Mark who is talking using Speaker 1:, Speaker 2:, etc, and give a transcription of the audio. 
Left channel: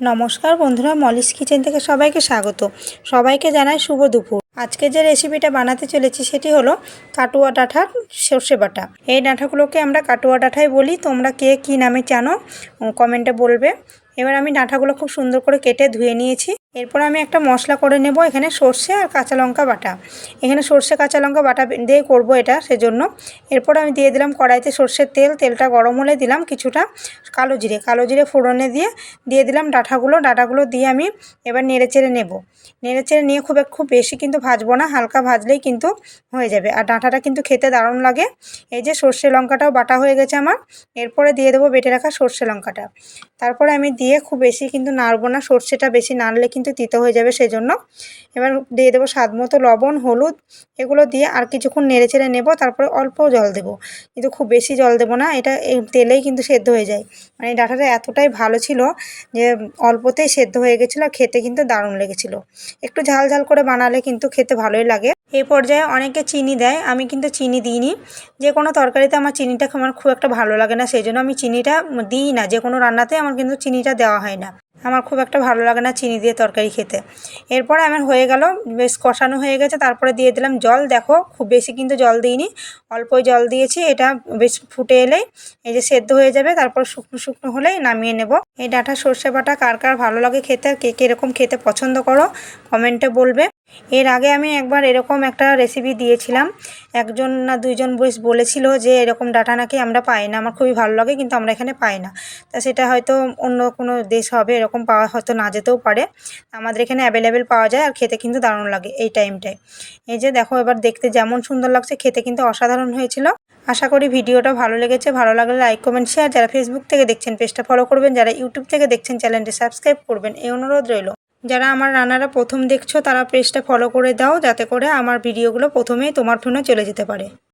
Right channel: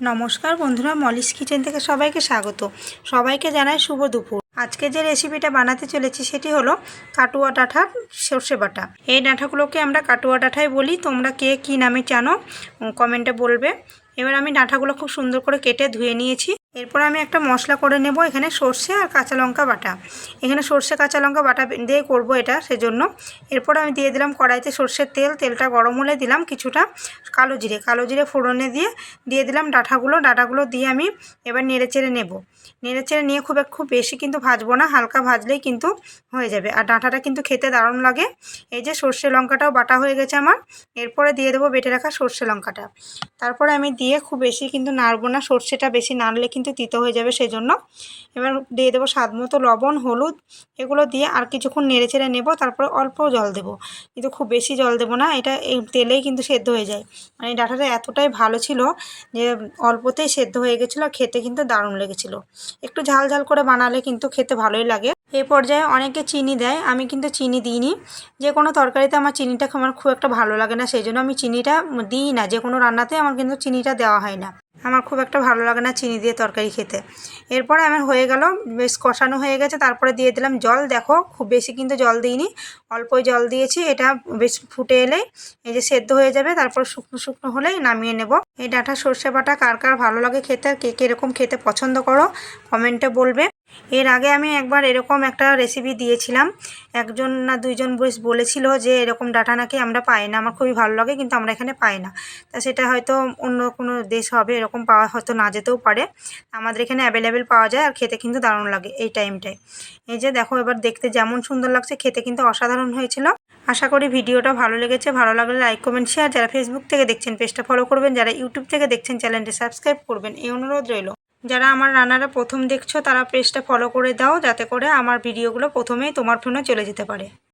Speaker 1: নমস্কার বন্ধুরা, মলিশ কিচেন থেকে সবাইকে স্বাগত। সবাইকে জানাই শুভ দুপুর। আজকে যে রেসিপিটা বানাতে চলেছি সেটি হলো কাটুয়া ডাঁঠার সর্ষে বাটা। এই ডাঁঠাগুলোকে আমরা কাটুয়া ডাঁঠাই বলি। তোমরা কে কী নামে জানো, কমেন্টে বলবে। এবার আমি ডাঁঠাগুলো খুব সুন্দর করে কেটে ধুয়ে নিয়েছি। এরপর আমি একটা মশলা করে নেব এখানে সর্ষে আর কাঁচা লঙ্কা বাটা। এখানে সর্ষে কাঁচা লঙ্কা বাটা দিয়ে করব এটা সেজন্য। এরপর আমি দিয়ে দিলাম কড়াইতে সর্ষের তেল। তেলটা গরম হলে দিলাম কিছুটা কালো জিরে কালো জিরে ফোড়নে দিয়ে দিয়ে দিলাম ডাঁটাগুলো। ডাঁটাগুলো দিয়ে আমি এবার নেড়ে চেড়ে নেব। নেড়ে চেড়ে নিয়ে খুব খুব বেশি কিন্তু ভাজবো না, হালকা ভাজলেই কিন্তু হয়ে যাবে। আর ডাঁটাটা কিন্তু খেতে দারুণ লাগে। এই যে সর্ষে লঙ্কাটাও বাটা হয়ে গেছে আমার। এরপরে দিয়ে দেবো বেটে রাখা সর্ষে লঙ্কাটা। তারপরে আমি দিয়ে খুব বেশি কিন্তু নাড়বো না, সর্ষেটা বেশি নাড়লে কিন্তু তিতো হয়ে যাবে সেজন্য। এবার দিয়ে দেবো স্বাদ মতো লবণ, হলুদ, এগুলো দিয়ে আর কিছুক্ষণ নেড়ে চেড়ে নেব। তারপরে অল্প জল দেবো। কিন্তু খুব বেশি জল দেবো না, এটা এই তেলেই কিন্তু সেদ্ধ হয়ে যায়। মানে ডাটাটা এতটাই ভালো ছিল যে অল্পতেই সেদ্ধ হয়ে গেছিল খেতে কিন্তু দারুণ লেগেছিলো। একটু ঝাল ঝাল করে বানালে কিন্তু খেতে ভালোই লাগে। এই পর্যায়ে অনেকে চিনি দেয়, আমি কিন্তু চিনি দিইনি। যে কোনো তরকারিতে আমার চিনিটা আমার খুব একটা ভালো লাগে না, সেই জন্য আমি চিনিটা দিই না। যে কোনো রান্নাতে আমার কিন্তু চিনিটা দেওয়া হয় না। আমার খুব একটা ভালো লাগে না চিনি দিয়ে তরকারি খেতে। এরপর আমার হয়ে গেল, বেশ কষানো হয়ে গেছে, তারপরে দিয়ে দিলাম জল। দেখো, খুব বেশি কিন্তু জল দিইনি, অল্পই জল দিয়েছি, এটা বেশ ফুটে এলেই এই যে সেদ্ধ হয়ে যাবে, তারপর শুকনো শুকনো হলেই নামিয়ে নেব। এই ডাঁটা সর্ষে বাটা কার কার ভালো লাগে খেতে, কে কীরকম খেতে পছন্দ করো, কমেন্টে বলবে। এর আগে আমি একবার এরকম একটা রেসিপি দিয়েছিলাম। একজন না দুইজন বেশ বলেছিল যে, এরকম ডাটা নাকি আমরা পাই না। আমার খুবই ভালো লাগে, কিন্তু আমরা এখানে পাই না। তা সেটা হয়তো অন্য কোনো দেশ হবে, এরকম পাওয়া হয়তো না যেতেও পারে। আমাদের এখানে অ্যাভেলেবেল পাওয়া যায় আর খেতে কিন্তু দারুণ লাগে এই টাইমটায় এই যে দেখো, এবার দেখতে যেমন সুন্দর লাগছে, খেতে কিন্তু অসাধারণ হয়েছিল। আশা করি ভিডিওটা ভালো লেগেছে। ভালো লাগলে লাইক কমেন্ট শেয়ার যারা ফেসবুক থেকে দেখছেন পেজটা ফলো করবেন। যারা ইউটিউব থেকে দেখছেন চ্যানেলটি সাবস্ক্রাইব করবেন। এই অনুরোধ রইল। যারা আমার রান্নারা প্রথম দেখছ, তারা পেজটা ফলো করে দাও, যাতে করে আমার ভিডিওগুলো প্রথমেই তোমার ফোনে চলে যেতে পারে।